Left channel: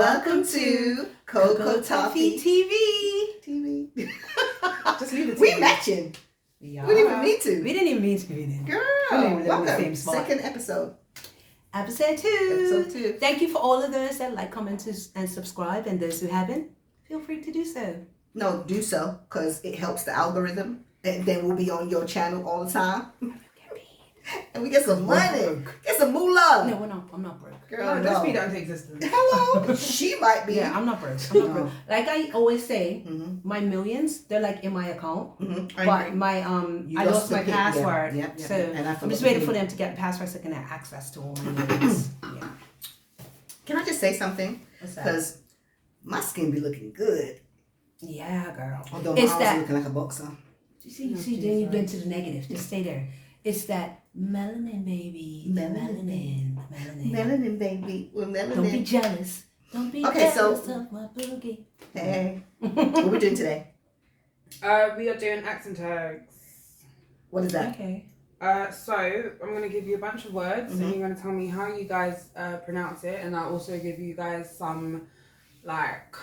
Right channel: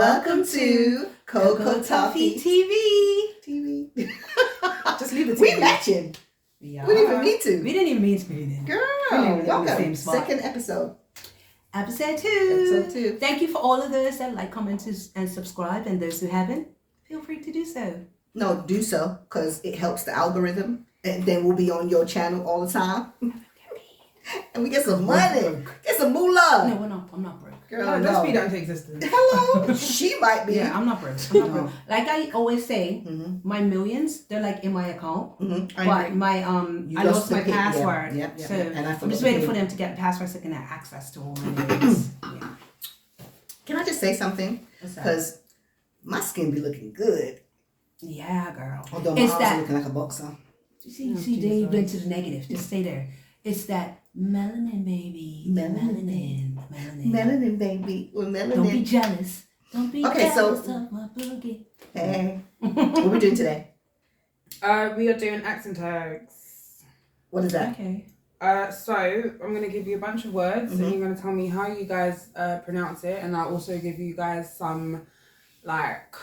Welcome to Cocoa Toffee TV. Just leave it. We matching. Yeah. We didn't even need to. We didn't even mean to be there. Girl, welcome. Second episode. Episode 2. Episode 2. Thank you for all of those that like, comment, and subscribe, and those who haven't, feel free to do so. No, do so, because it helps the algorithm, and then we'll be on your channel all the time. And we get some money. Get some moolah. No, we're not. I'm not broke. Girl, no, don't speak that into existence. Hello. She might be. Yeah, I'm not broke. I'm not broke. Like I always say, my millions, they're like in my account. But my I lost my password. Yep. So And I'm just waiting for them to get passwords so I can have access to all my millions. Yeah. Can I just say something? Because my skin be looking good. Yeah, girl. Although my arms looking like a boxer. You see, they went to the negative. Just stay there. It's that melanin, baby. Melanin, baby. Well, melanin. Don't be jealous. Don't be jealous of my boogie. Hey. What are we doing today? We are doing accent tags. What is that? Okay. So I'm going to give you a bunch of words and you're going to tell me how you guys pronounce it, and I'll also give you guys some like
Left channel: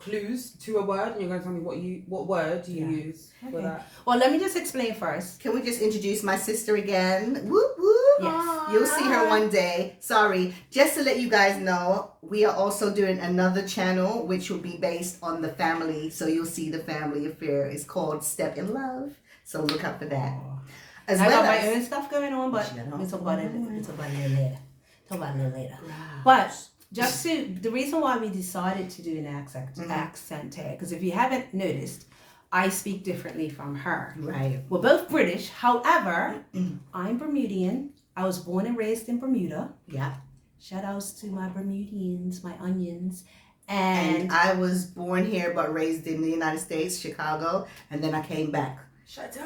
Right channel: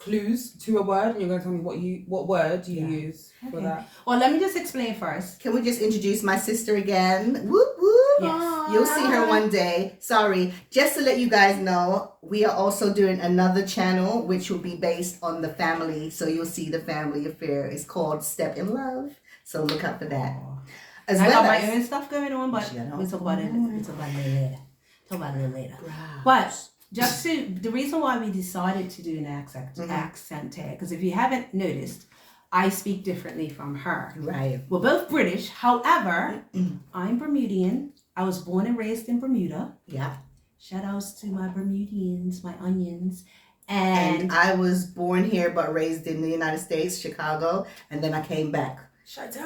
clues to a word, and you're going to tell me what word you use for that. Well, let me just explain first. Can we just introduce my sister again? Whoop whoop. Yes. You'll see her one day. Sorry. Just to let you guys know, we are also doing another channel which will be based on the family. So you'll see the family affair. It's called Step in Love. So look out for that. As I well got as my own stuff going on, but we'll talk about it. We'll talk about it later. But just the reason why we decided to do an accent tag, because if you haven't noticed, I speak differently from her. Right. We're both British. However, I'm Bermudian. I was born and raised in Bermuda. Yeah. Shout outs to my Bermudians, my onions. And I was born here but raised in the United States, Chicago, and then I came back.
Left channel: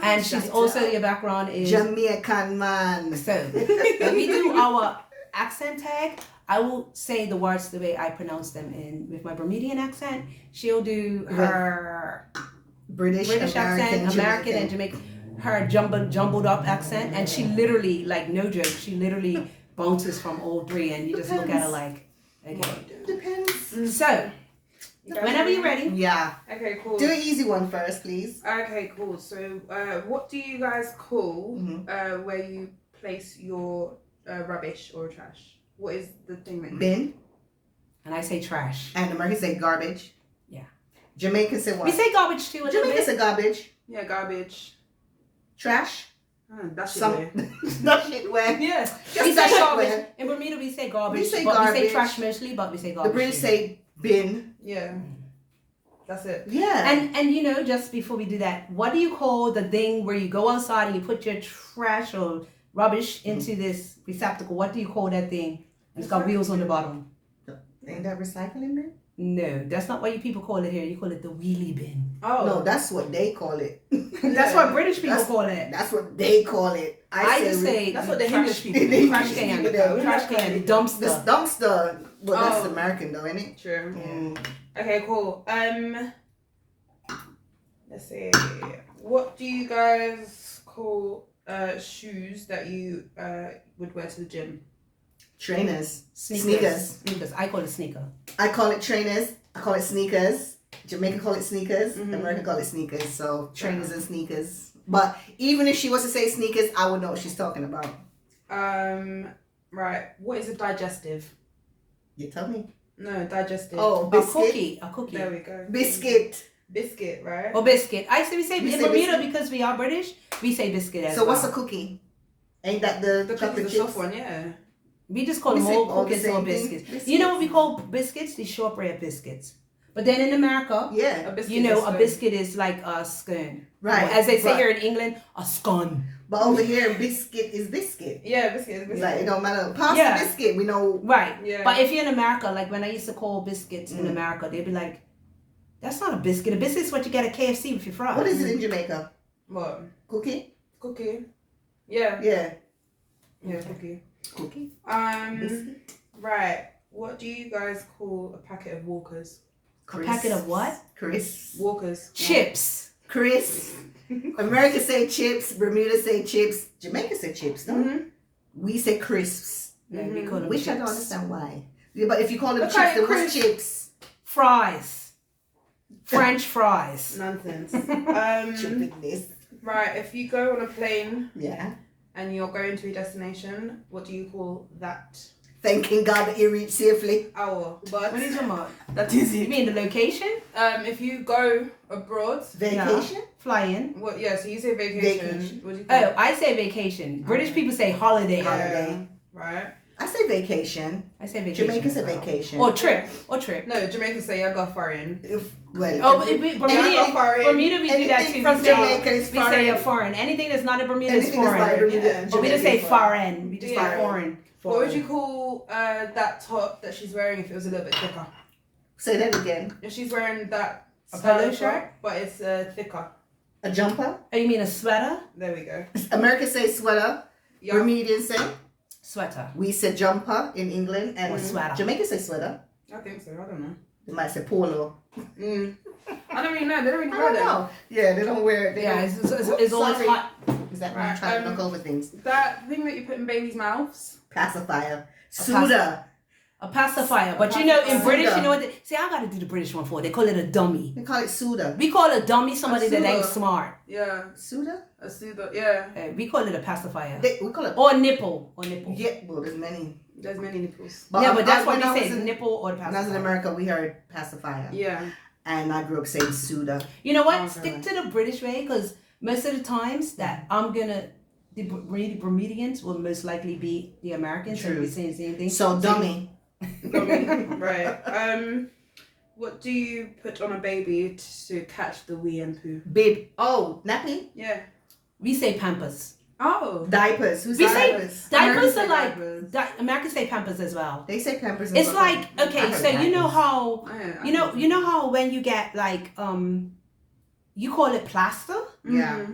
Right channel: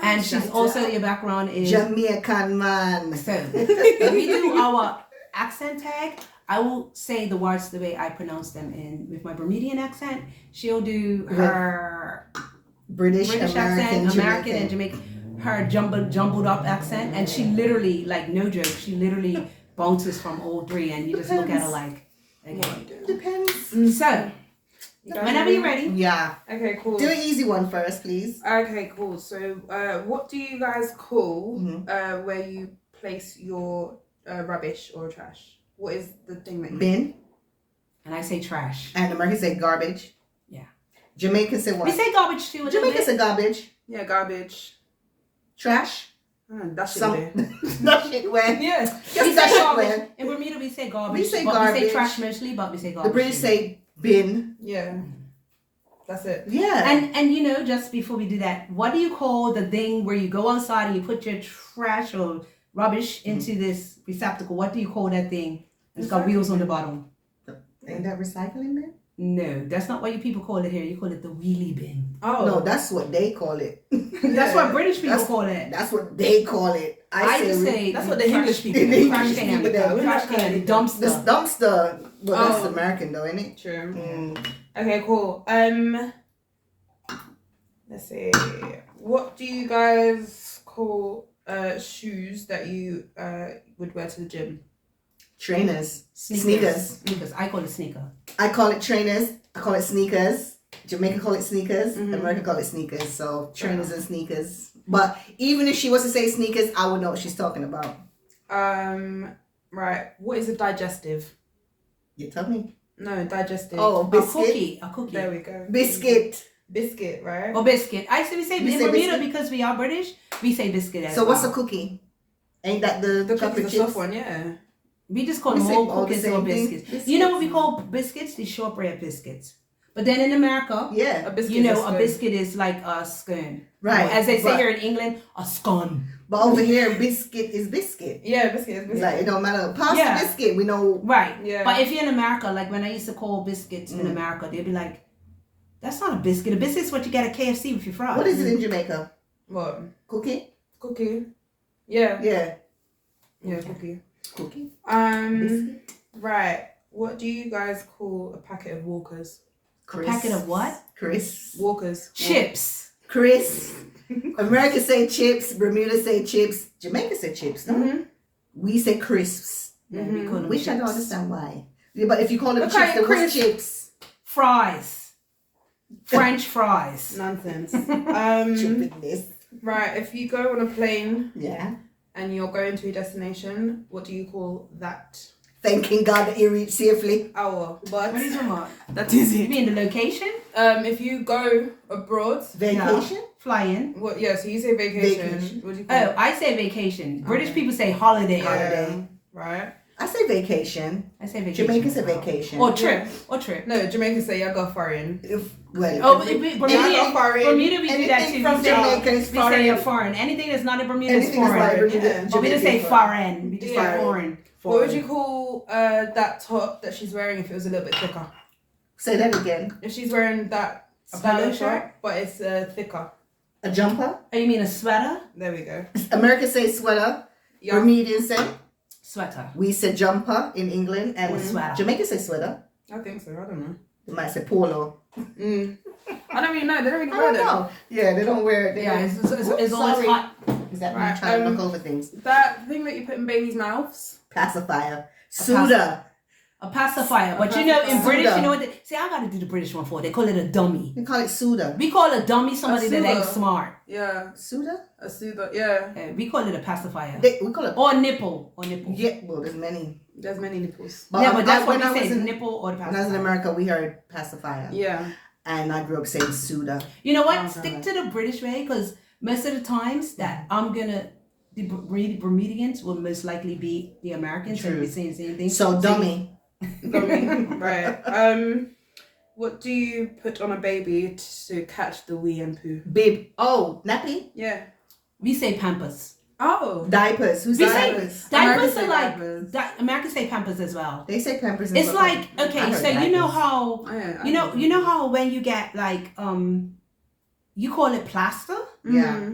And she's also, your background is Jamaican man. So when we do our accent tag, I will say the words the way I pronounce them with my Bermudian accent. She'll do her British accent, American and Jamaican. Her jumbled up accent, and she literally, like, no joke, she literally bounces from all three, and you just look at her like, okay. Depends. So, whenever you're ready. Yeah. Okay, cool. Do an easy one first, please. Okay, cool. So, what do you guys call where you place your rubbish or trash? What is the thing that you Bin. And I say trash. And Americans say garbage. Yeah. Jamaicans say what? We say garbage too. Jamaicans say garbage. Yeah, garbage. Trash. That shit where. That shit where. Yeah. Just that shit where. In Bermuda we say garbage. We say garbage. We say garbage. trash mostly, but we say garbage. The British say bin. Yeah. That's it. Yeah. And you know, just before we do that, what do you call the thing where you go outside and you put your trash or rubbish into this receptacle? What do you call that thing? It's got wheels on the bottom. Ain't that recycling bin? No, that's not what you people call it here. You call it the wheelie bin. Oh. No, that's what they call it. That's what British people call it. That's what they call it. I just say that's what the English people do. Trash can, the dumpster. This dumpster. Well, that's American though, isn't it? True. Okay, cool. Let's see. What do you guys call shoes that you would wear to the gym? Trainers. Sneakers. I call it sneaker. I call it trainers. I call it sneakers. Jamaica call it sneakers. America call it sneakers. So trainers and sneakers. But even if she was to say sneakers, I would know what she's talking about. Right. What is a digestive? You tell me. No, digestive. Oh, biscuit. A cookie. There we go. Biscuit, right? Or biscuit. We say in Bermuda biscuit? Because we are British, we say biscuit as So well. what's a cookie? Ain't that the cookie, the chips? soft one, yeah. We just call them all cookies or biscuits. You know what we call biscuits? The shortbread biscuits. But then in America, yeah, a biscuit a biscuit is like a scone. Right. As they say here in England, a scone. But over here, biscuit is biscuit. Yeah, biscuit is biscuit. Like, it don't matter. Pasta biscuit, we know. Right. Yeah. But if you're in America, like when I used to call biscuits in America, they'd be like, that's not a biscuit. A biscuit's what you get at KFC with your fries. What is it in Jamaica? What? Cookie? Yeah. Yeah. Yeah, cookie. Biscuit? Right. What do you guys call a packet of Walkers? A packet of what? Crisps. Walkers. Chips. Crisps. America say chips. Bermuda say chips. Jamaica say chips, no? We say crisps. No, we call them Which I don't chips. understand why. Yeah, but if you call them Okay, chips, then what's Chris. chips? Fries. French fries. Nonsense. Stupidness. Right, if you go on a plane Yeah. and you're going to a destination, what do you call that? Thanking God that you reached safely. Our What is but remote? that is You it. mean the location? If you go abroad, Vacation? Fly in. what? Yeah, so you say vacation. Vacation. What do you call Oh, it? I say vacation. British people say holiday. Yeah, Holiday. right. I say vacation. I say vacation. Jamaicans say as well. vacation. Or trip. Or trip. No, Jamaicans say I go foreign. Oh, Bermuda, go foreign. Bermuda, we do that Anything too. from We say- Jamaica is We say a foreign. foreign. Anything that's not a Bermuda is Anything that's foreign. not Bermuda, Yeah. But we don't say Jamaican foreign. We just Yeah. say foreign. What would you call that top that she's wearing if it was a little bit thicker? Say that again. If she's wearing that A style polo top, shirt? but it's thicker. A jumper. Oh, you mean a sweater? There we go. America say sweater. Yeah. Bermudian say. Sweater. We say jumper in England. And Or sweater. Jamaica say sweater. I think so. I don't know. They might say polo. I don't really know. They don't really I wear don't them. know. Yeah, they don't wear it. They Yeah, don't. it's always Sorry. hot. Is that Right, me trying to look over things? That thing that you put in babies' mouths. Pacifier. Suda. A pacifier. But you know, in Suda. British, you know what they see, I gotta do the British one for it. They call it a dummy. They call it Suda. We call a dummy somebody that ain't Suda. smart. Yeah. Suda? A soother. Yeah. We call it a pacifier. We call it. Or nipple. Or nipple. Yeah, well, there's many. There's many nipples. Yeah, but that's when what I we was say, in nipple or the when I was in pacifier. America, we heard pacifier, Yeah. and I grew up saying Suda. You know what? Oh, Stick God. to the British way, because most of the times that I'm gonna, the Bermudians will most likely be the Americans. So True. we're saying the same thing. So dummy. Right. What do you put on a baby to catch the wee and poo? Bib. Oh, nappy. Yeah. We say pampers. Oh. Diapers. Who's We say diapers? Diapers Americans are say like diapers. Americans say pampers as well. They say pampers. and It's stuff like I okay, heard so you know diapers. how you know how when you get like you call it plaster. Yeah.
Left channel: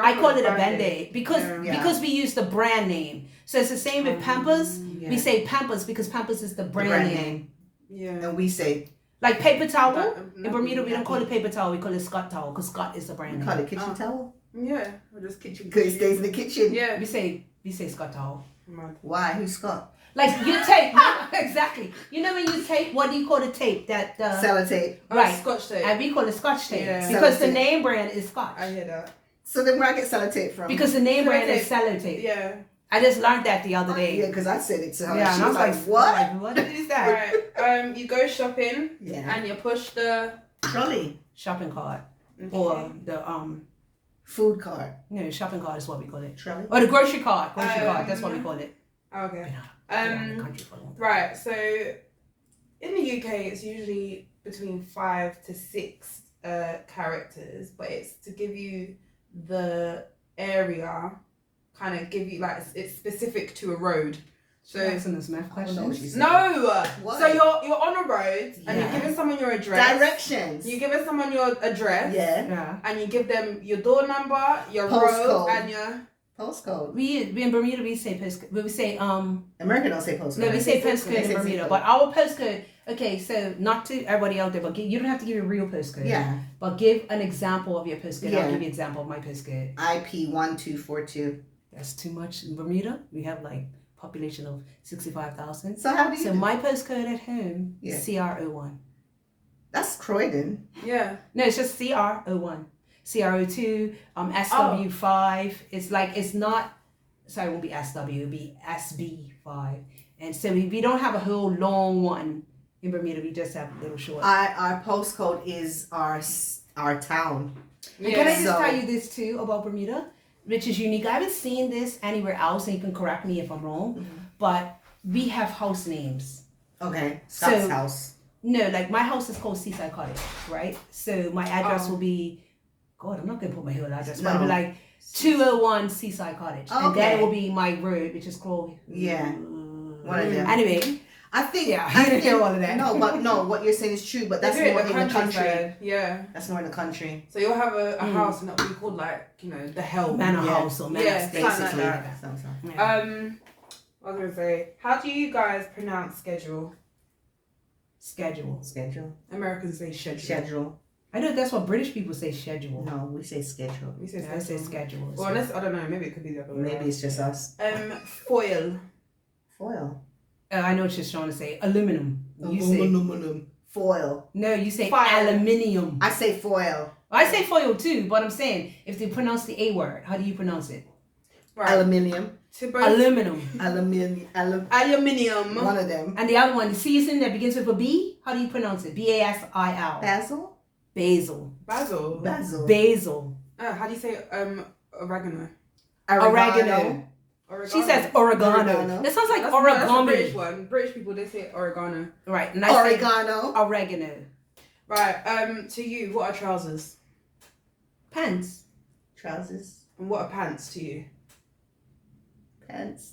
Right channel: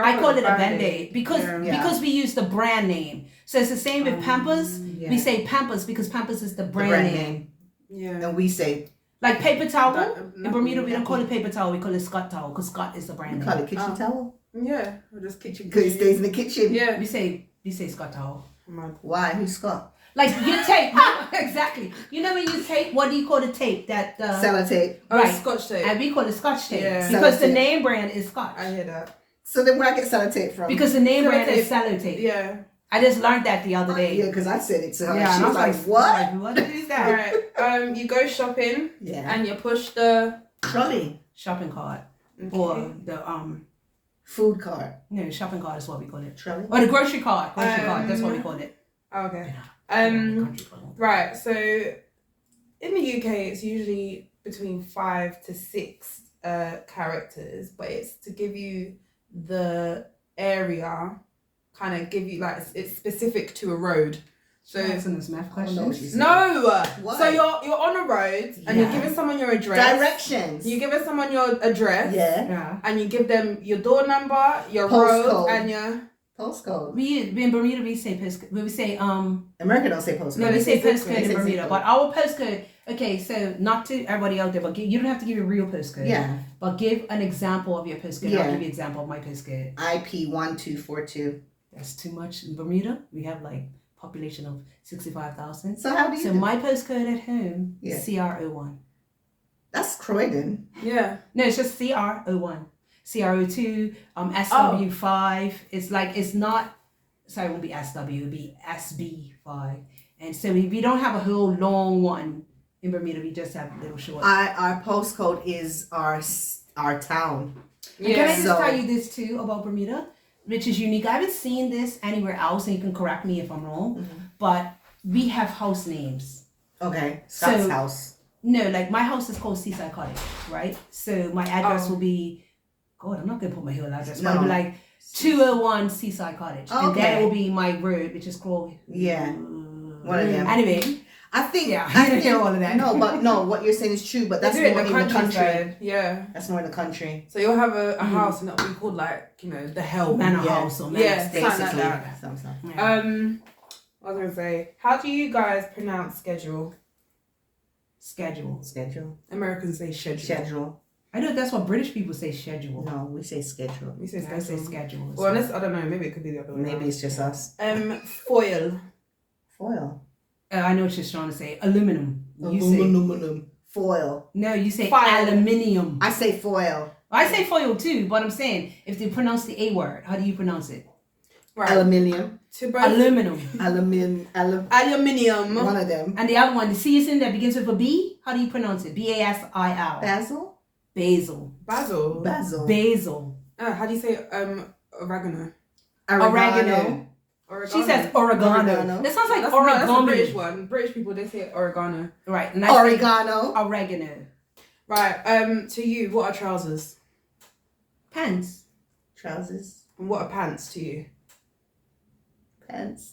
I call it a Band-Aid because Yeah. because we use the brand name. So it's the same with Pampers. Yeah. We say Pampers because Pampers is the The brand name. Yeah. And we say Like paper towel. That- In Bermuda, we don't call nappy. it paper towel. We call it Scott towel because Scott is the we brand call name. it kitchen towel Yeah. Or just kitchen. because it stays in the kitchen. Yeah. We say Scott towel. Mad. Why? Who's Scott? Like you tape exactly. You know when you tape, what do you call the tape that? Sellotape. Oh, Right. Scotch tape. And we call it Scotch tape Yeah. because the Sellotape. name brand is Scotch. I hear that. So then where I get sellotape from? Because the name brand is Sellotape. Sellotape. Yeah. I just learned that the other day. Yeah, because I said it to her. Yeah, she and I was like, what? what? What is that? Right. You go shopping Yeah. and you push the Trolley. Shopping cart or the Food cart. no, shopping cart is what we call it. Trolley. Or the grocery cart. Grocery cart. That's what we call it. Okay. Um. Right. So in the UK, it's usually between 5 to 6 characters, but it's to give you the area, kind of give you like it's specific to a road. So Asking us math I don't know what questions. she's saying. no. Why? So you're on a road and you're Yeah. giving someone your address. Directions. You giving someone your address. Yeah. Yeah. And you give them your door number, your Postcode. road, and your Postcode. We in Bermuda we say postcode. We say America don't say postcode. No, we they say say postcode zip in code. Bermuda, but our postcode. Okay, so not to everybody out there, but you don't have to give your real postcode. Yeah. But give an example of your postcode. Yeah. I'll give you an example of my postcode. IP 1242. That's too much in Bermuda. We have like population of 65,000. So how do you? So my postcode at home Yeah. is CR01. That's Croydon. yeah. No, it's just CR01. CR02, SW5. It's like, it's not, sorry, it won't be SW, it'll be SB5. And so we don't have a whole long one in Bermuda. We just have little short. Our postcode is our town. And can I just So- tell you this too about Bermuda, which is unique. I haven't seen this anywhere else, and you can correct me if I'm wrong, but we have house names. Okay. Scott's So- house. No, like my house is called Seaside Cottage, right? So my address Oh. will be, God, I'm not going to put my whole address. No. It'll be like 201 Seaside Cottage. Oh, And that okay. will be my road, which is called... Yeah. One of them. Anyway, I think. yeah, I you didn't hear think- all of that. No, but no, what you're saying is true. But that's They do more it in the country. countryside. Yeah. That's more in the country. So you'll have a house and it'll be called like, the hell. Manor Yeah. house or manor Yeah, estate. something Basically. like that. Something. Yeah. I was gonna say, how do you guys pronounce schedule? Schedule. Schedule. Americans say schedule. Schedule. I know that's what British people say, schedule. No, we say schedule. We say Yeah, I say schedule. schedule. Well, unless I don't know, maybe it could be the other way. Maybe it's just us. Foil. Foil. I know what she's trying to say. Aluminum. Aluminum. Foil. No, you say Fire. aluminium. I say foil. I say foil too, but I'm saying if they pronounce the A word, how do you pronounce it? Right. Aluminium. To both. Aluminum. Aluminium. One of them. And the other one, the C is in that begins with a B. How do you pronounce it? B-A-S-I-L. Basil. Basil. Basil. Basil. How do you say oregano? Oregano. She says oregano. That sounds like That's origami. a British one. British people, they say oregano. Right. And Oregano. Oregano. Right. To you, what are trousers? Pants. Trousers. And what are pants to you? Pants.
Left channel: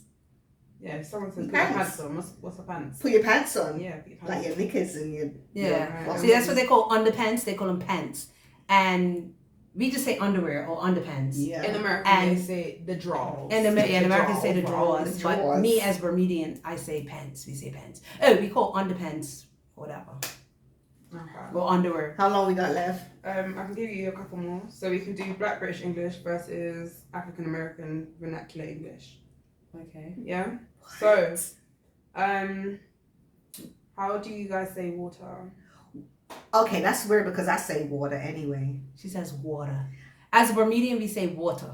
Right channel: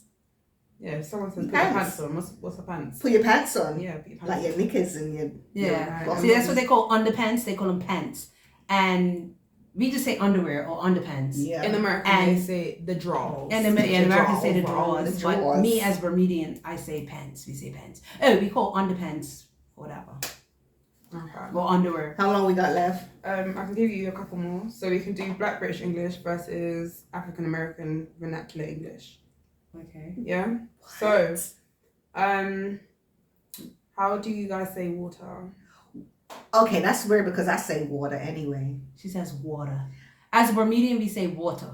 Yeah, if someone says put Pants. your pants on, what's a pants? Put your pants on. Yeah, put your pants Like your knickers and your... Yeah. Your, So that's what they call underpants. They call them pants. And we just say underwear or underpants. Yeah. In America, And- they say the drawers. And in America say the drawers. drawers. But me as Bermudian, I say pants. We say pants. Oh, we call underpants whatever. Okay. Or underwear. How long we got left? I can give you a couple more. So we can do Black British English versus African American vernacular English. Okay. Yeah. So, how do you guys say water? Okay, that's weird because I say water anyway. She says water. As a Bermudian, we say water.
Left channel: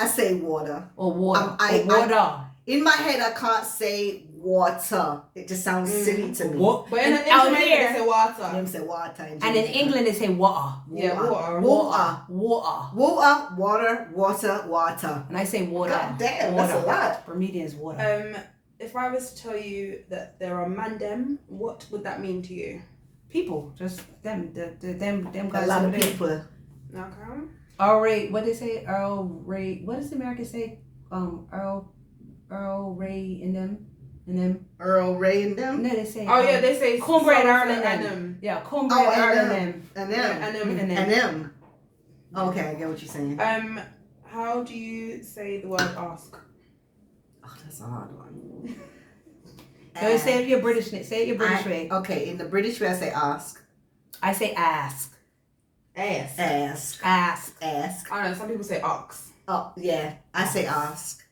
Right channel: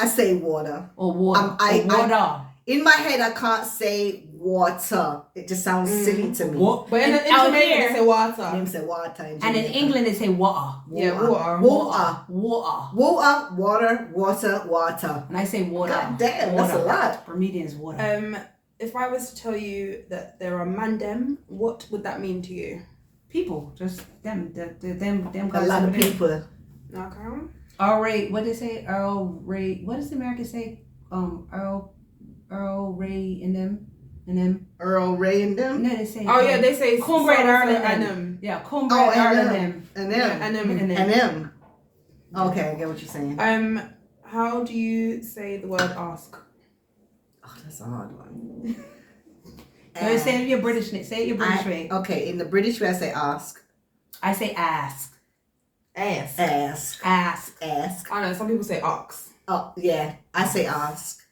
I say water. Or water. I- or water. In my head, I can't say water. It just sounds silly to me. But in out Jamaica, here- they say water. Them say water. And in England, they say water. Yeah, water. Water. Water. Water. And I say water. God damn, water. that's a lot. Bermudian is water. If I was to tell you that there are mandem, what would that mean to you? People. Just them. Them A guys. lot of over there. people. Okay. Earl Ray. What they say? Earl Ray. What does the Americans say? Earl Ray and them. Earl Ray and them. No, they say. Oh yeah, they say cornbread so- Ireland and and them. Yeah, cornbread Oh, and Ireland them. and And them. And them. and And them. Okay, I get what you're saying. How do you say the word ask? Oh, that's a hard one. So say it your British. Say it your British way. Okay, in the British way, I say ask. I say ask. Ask. Ask. Ask. Ask. I know some people say ox. Oh, yeah. I say ask.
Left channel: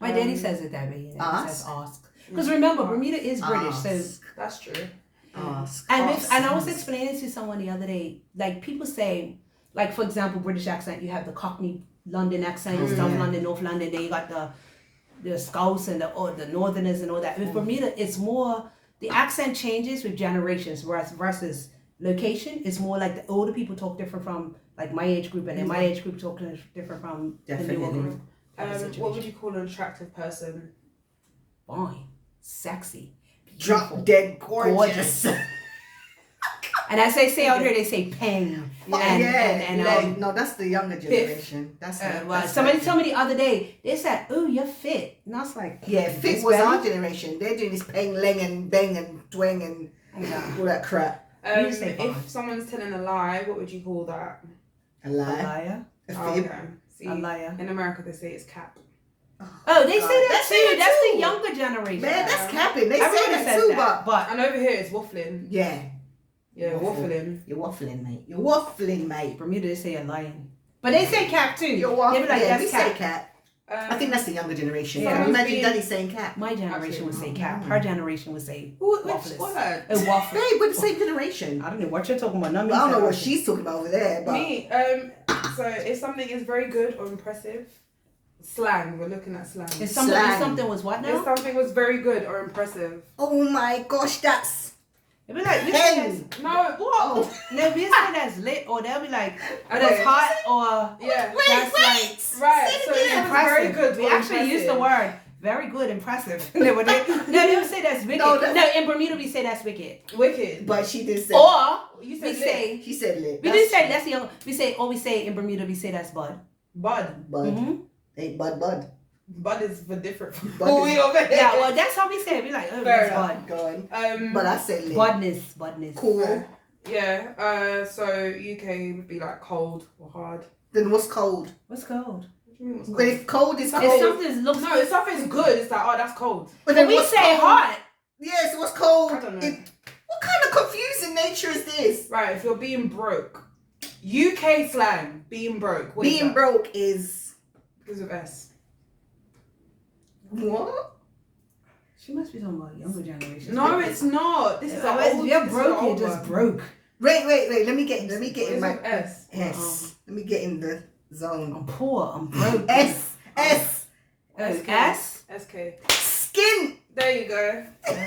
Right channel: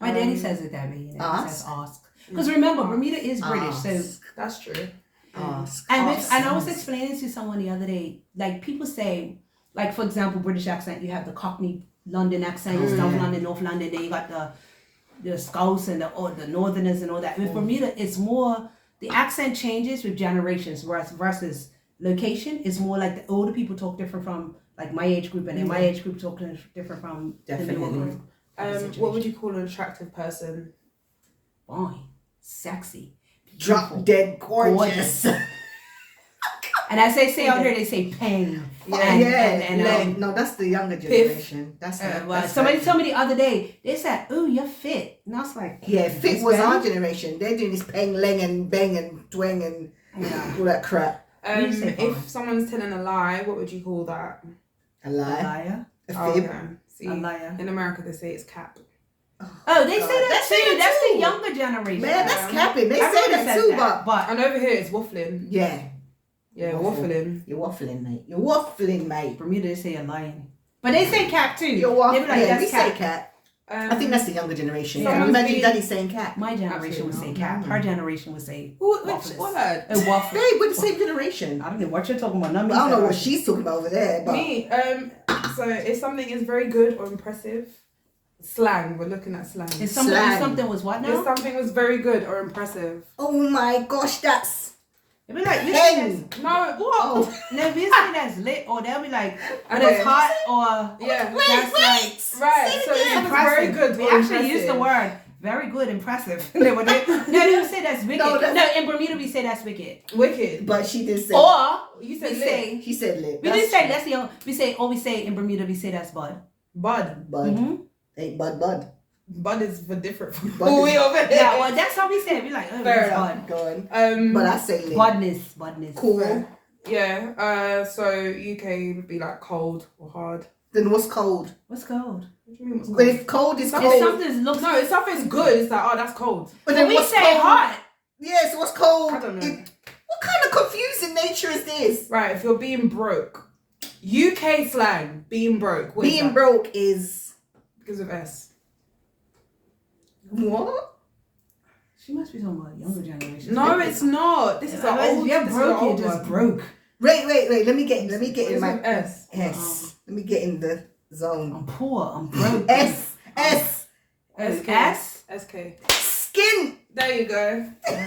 My daddy says it that way. You know, he says Ask? ask. Because remember, Bermuda is British, so. Ask. That's true. Ask. And Ask. I was explaining to someone the other day, like people say, like for example, British accent, you have the Cockney London accent, South London, North London. Then you got the Scots and the Northerners and all that. With Bermuda, it's more the accent changes with generations, whereas versus location is more like the older people talk different from like my age group, and then my age group talk different from the newer Definitely. group. What would you call an attractive person? Fine, sexy, Drop beautiful. dead gorgeous. And as they say out here, they say pen. Yeah, no, that's the younger generation. That's Somebody told me the other day, they said, "Oh, you're fit," and I was like, yeah, fit "It's was better." our generation. They're doing this peng, leng, and bang, and twang, and all that crap. You say fine. If someone's telling a lie, what would you call that? A A lie, liar. a Oh, fib. okay. See, A liar. in America they say it's cap. Oh, they God. say that They say too. that That's too. the younger generation. Man, that's capping. They say Everybody that says too, that, but And over here it's waffling. yeah, Yeah, Waffle. waffling. you're waffling, mate. You're waffling, mate. For me, they say a lying, but they say cap too. You're They waffling. be like, Yeah, that's we say cap. cat. I think that's the younger generation. Yeah. Can you imagine Someone's daddy saying cat? My generation would say cap. Her generation would say Which waffles. word? Oh, waffle. Hey, we're the same generation. I don't know what you're talking about. I don't know what she's talking about over there, but Me. So if something is very good or impressive, slang. We're looking at slang. If Slang. something was what If now? something was very good or impressive. oh my gosh, that's They'll be like, hen. No, what? Oh, no, we say that's lit, or they'll be like, Okay. that's hot, or Yeah. that's like Right. So if something's very impressive. good. We or actually use the impressive. word very good, impressive. No, they don't say that's wicked. No, No, that's- in Bermuda we say that's wicked. Wicked. but she did say. Or You we said lit. say He said lit. we do say that's the we say we say in Bermuda we say that's bud. Bud. Bud. Mm-hmm. Hey, bud. Bud is for different from Bud is- we over here. Yeah, well that's how we say it. We like oh Fair that's enough. bud. Go on. But I say lit. Budness. Cool. Yeah. So UK would be like cold or hard. Then what's cold? What's cold? What do you mean what's When cold? it's cold, it's If cold. something looks No, if something's good, it's like, oh, that's cold. But then then we what's say cold? hot. Yes, what's cold? I don't know. What kind of confusing nature is this? Right, if you're being broke. UK slang, being broke. What is Being that? broke is Because of S. what? She must be talking about younger generation. No, it's not. This is an old. You're this is broke. an You're old just one. broke. Wait. Let me get in my S. S. Let me get in the zone. I'm poor. I'm broke. S. Oh, S. SK. Skin. There you go. No.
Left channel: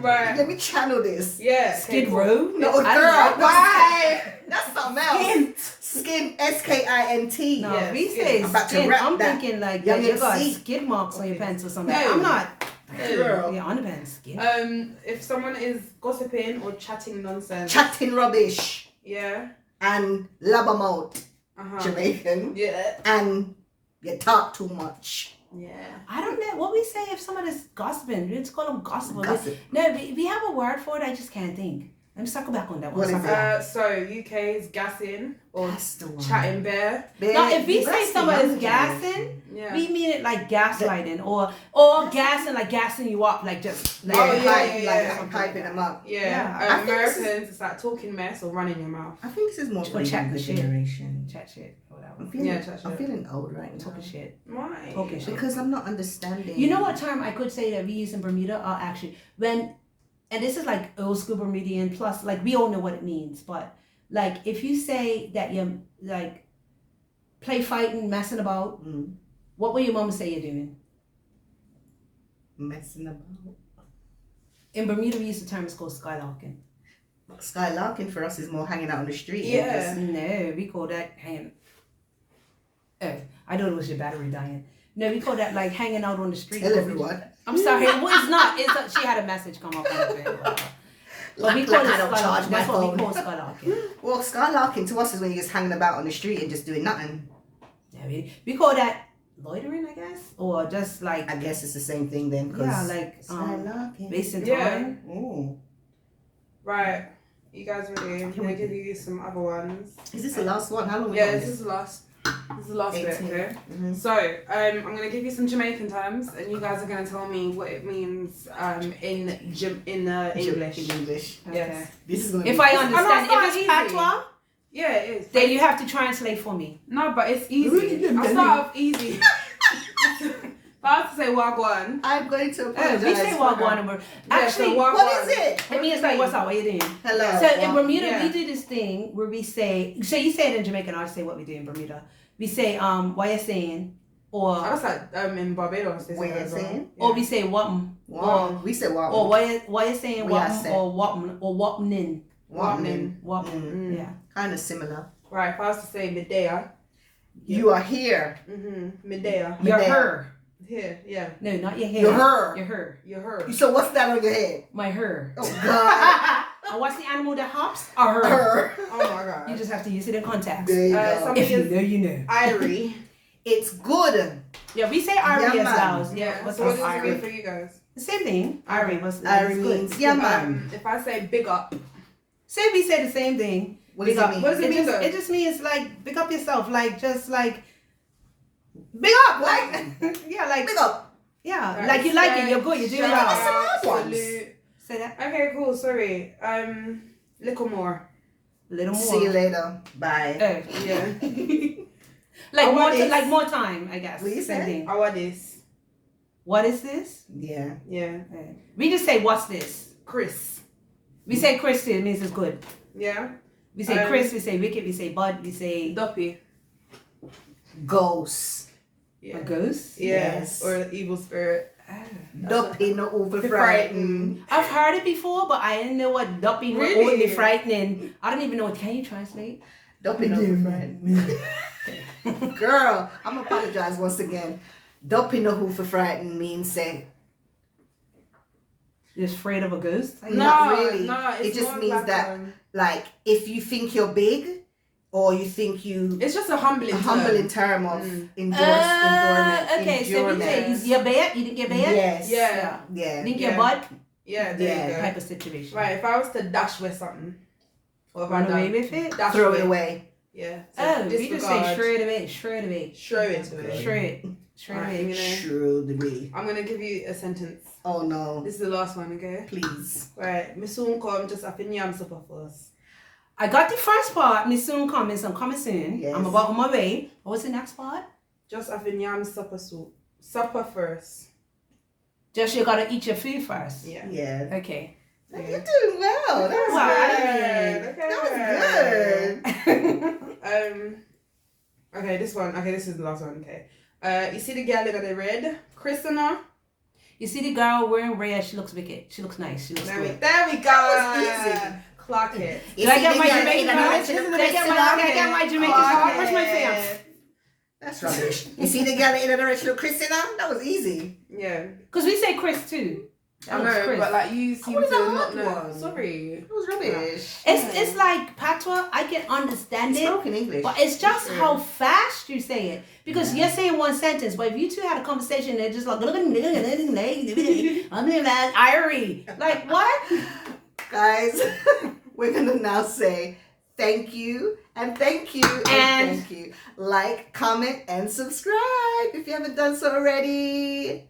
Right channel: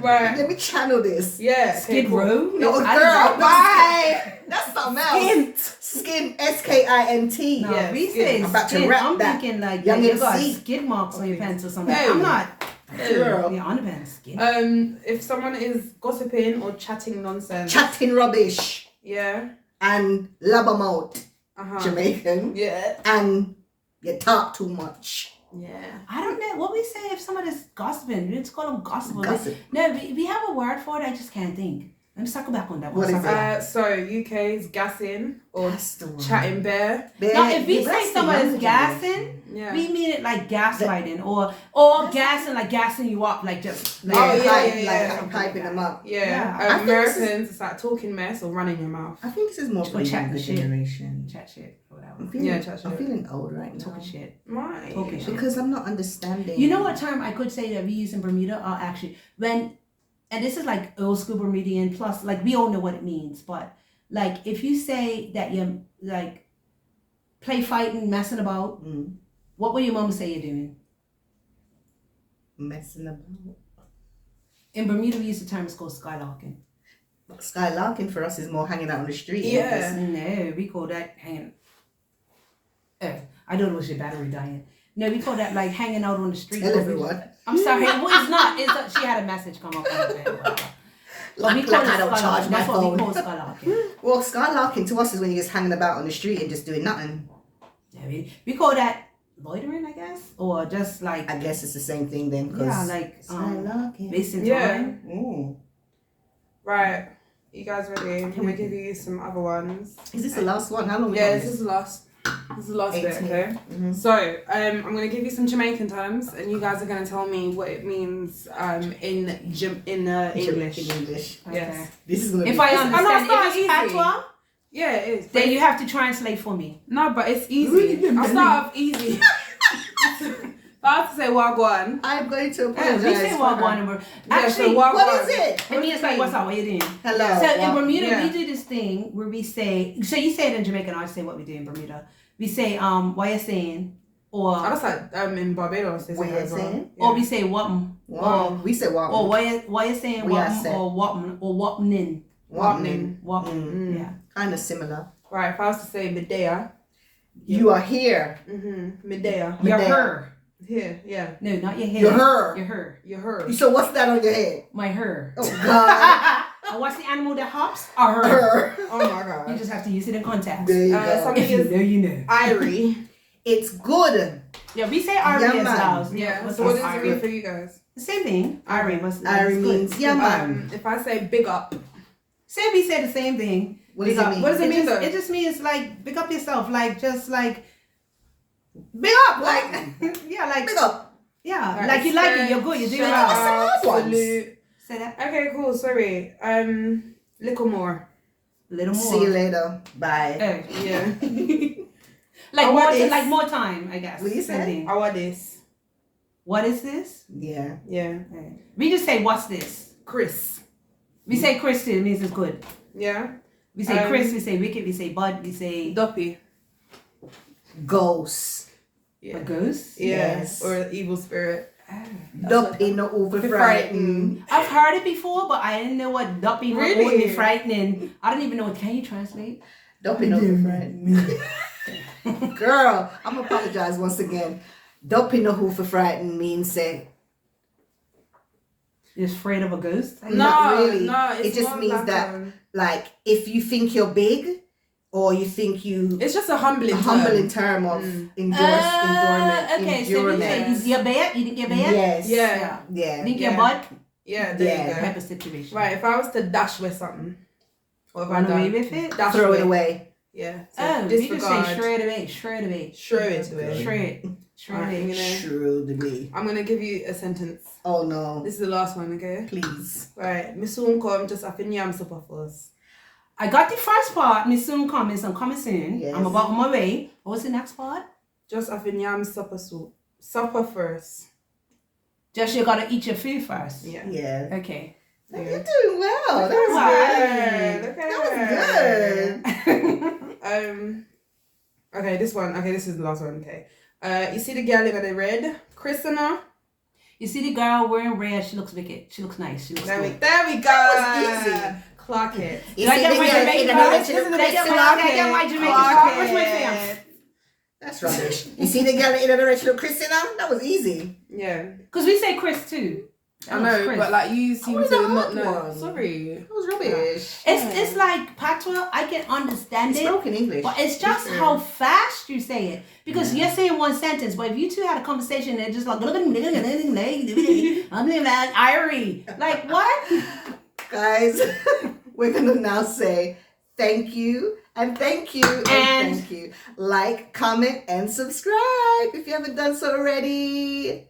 Right. Let me channel this. Yeah. Skid cool. Row. No, I girl. don't know. Why? That's something else. Skint. Skin. SKINT. No, Yeah, we skin. say I'm about to skin. rap I'm that. thinking like Young you got MC. skid marks on your pants or something. No. I'm not. Girl. Yeah, underpants skin. If someone is gossiping or chatting nonsense. Chatting rubbish. Yeah. And labamouth. Uh-huh. Jamaican. Yeah. And you talk too much. Yeah. I don't know what we say if somebody's gossiping. We just call them gossipers. Gossip. No, we have a word for it. I just can't think. Let me circle back on that one. What is Circle it? So UK's gassing or That's the one. chatting bear. Now, if we That's say the somebody's younger gassing, generation. Yeah. we mean it like gaslighting or gassing, like gassing you up, like just like, Oh, yeah, hype, yeah, like yeah. I'm hyping them up. Yeah. Yeah. I think this is- Americans, it's like talking mess or running your mouth. I think this is more for Or the chatting younger shit. generation. chat shit or whatever. I'm feeling, Yeah, chat I'm shit. feeling old right now. Talking shit. Why? Talking shit. Because I'm not understanding. You know what term I could say that we use in Bermuda are actually when, and this is like old school Bermudian plus, like we all know what it means, but like if you say that you like play fighting, messing about, what will your mom say you're doing? Messing about. In Bermuda, we use the term, it's called skylarking. Skylarking for us is more hanging out on the street. Yeah. No, we call that hanging. Oh, I thought it was your battery dying. No, we call that like hanging out on the street. Tell everyone. I'm sorry, well, it's not. It's she had a message come up on the Like, we like call it I don't charge skylarking. my That's what we phone. call skylarking. Well, skylarking to us is when you're just hanging about on the street and just doing nothing. Yeah, we call that loitering, I guess, or just like I guess it's the same thing then. Cause yeah, like skylarking. wasting Yeah. time. Ooh. Right. You guys ready? I'm gonna give you some other ones. Is this the last one? How long we Yeah, got this is the last. This is the last bit, 18. okay? Mhm. So, I'm gonna give you some Jamaican terms, and you guys are gonna tell me what it means in English. In English. Okay. Yes. This is gonna If be I no, understand, it's not if it's easy. patois, Yeah, it is. then you have to translate for me. No, but it's easy. I'll start off easy. If I have to say wagwan. I'm going to We apologize. say for what her. one number. Yeah, so Actually, wagwan. What is it? it means like what's up? What you doing? Hello. So in Well, Bermuda, yeah. we do this thing where we say. So you say it in Jamaican. I'll say what we do in Bermuda. We say what you saying, I or was like in Barbados. They say What that you as well. saying? Yeah. or we say what'm, Wow. We say wow. or what you saying We are what'm, said. or what'm, or what'mnin, Wapnin. what'm. Yeah. Kind of similar. Right, if I was to say Medea. You are here. Medea. You're Medea. her. Here, yeah. No, not your hair. You're her. You're her. You're her. So what's that on your head? My her. Oh God. And what's the animal that hops? A her. Her. Oh my You god. just have to use it in context. There you Uh, go. some- If you know, you know. Irie. It's good. Yeah, we say Ari Yeah, as man. well. Yeah, What's so what this? does it mean for you guys? The same thing. Ari was. Ari means yeah man. If I say big up. Say we say the same thing. What does Big it up. mean? What does it mean just, though? it just means like big up yourself, like just like big up, like yeah, like Big up. yeah, Right, like you like it, you're good, you're doing shout well. some out, hard ones. salute. Say that Okay, cool. Sorry. Little more. a little more. See you later. Bye. Oh. Yeah. Like I more, want this. like more time, I guess. What you Same say? thing. I want this. What is this? Yeah. Yeah. We just say what's this. Chris. We say Chris, it means it's good. Yeah. We say Chris, we say Wicked, we say Bud, we say Duppy. Ghost. Yeah. a ghost. Yeah. Yes. Or evil spirit. Duppy no over frightened. I've heard it before, but I didn't know what dupping was Really? only frightening. I don't even know what. Can you translate? Duppy no over frightened. Girl, I'm gonna apologize once again. Duppy no who for frightened means say You're afraid of a ghost? Not really. No, it's It just more means like that- like if you think you're big or you think you it's just a humbling. a humbling term of endurance. Okay, so you say your bed, you didn't get bed? Yes. Yeah. Yeah. You didn't Yeah. get butt? Yeah. There Yeah. you go. Type of situation. Right. If I was to dash with something, or if I Run away done- with it? dash Throw with, it away. Yeah. So Oh, we just disregard. say shred away, shred away. Shred it away. Shred. Shred Right, away. you know, True the way. I'm gonna give you a sentence. Oh no. This is the last one, okay? Please. Right. Me soon come just after yam supper first. I got the first part, me soon coming, so I'm coming soon. Yes. I'm about on my way. What was the next part? Just after yam supper soup. Supper first. Just you gotta eat your food first. Yeah. Yeah. Okay. You're doing well. That was good. Okay, this one. Okay, this is the last one. Okay. You see the girl in the red, Christina? You see the girl wearing red, she looks wicked. She looks nice. She looks There we good. go. That was easy. Clock it. You Did I see get the my girl Jamaican in the card? original Did I get my Jamaican Clock card? Where's my it. fam? That's rubbish. You see the girl in the original Christina? That was easy. Yeah. Because we say Chris too. I know, Chris. but like you seem was to a not hard know. one. Sorry. That was rubbish. It's like patois. I can understand It's it, broken English. but it's just how fast you say it. Because you're saying one sentence, but if you two had a conversation, they're just like, I'm that Irie. Like what? Guys, we're gonna now say thank you and thank you and thank you. Like, comment, and subscribe if you haven't done so already.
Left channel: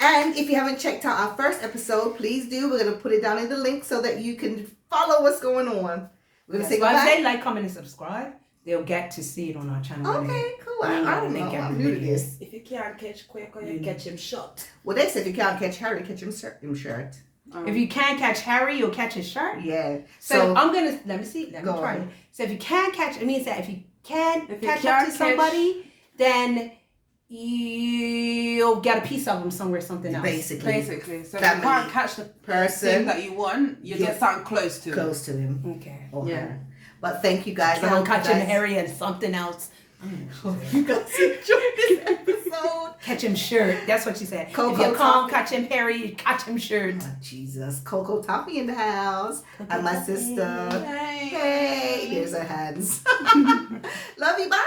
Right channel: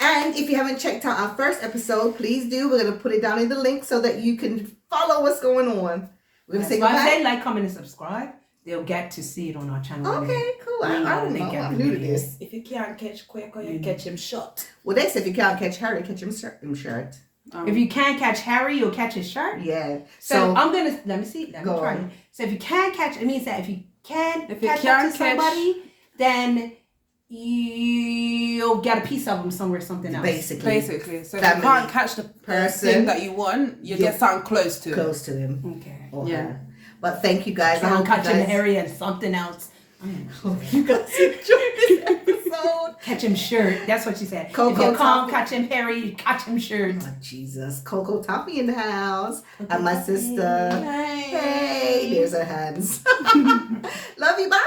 And if you haven't checked out our first episode, please do. We're gonna put it down in the link so that you can follow what's going on. We're gonna say If goodbye. they like, comment, and subscribe, they'll get to see it on our channel. Okay, cool. I don't know. I'm new to this. If you can't catch quick or you catch him short. Well, they said if you can't catch Harry, catch him shirt. If you can't catch Harry, you'll catch his shirt. Yeah. So I'm gonna let me Go try on. it. So if you can't catch, it means that if you can't If you catch up can't to somebody, then you'll get a piece of them somewhere, something else. Basically. So if you Family. can't catch the Person. thing that you want, you get something close to it. Close to him. Okay. Or Yeah. her. But thank you guys. I Try hope and you catch him guys Harry and something else. you guys enjoyed this episode. Catch him shirt. That's what she said. Coco if you can't Toffee. catch him Harry, you catch him shirt. Oh, Jesus. Coco Toffee in the house. And my sister. Hey. Hey, there's her hands. Love you. Bye.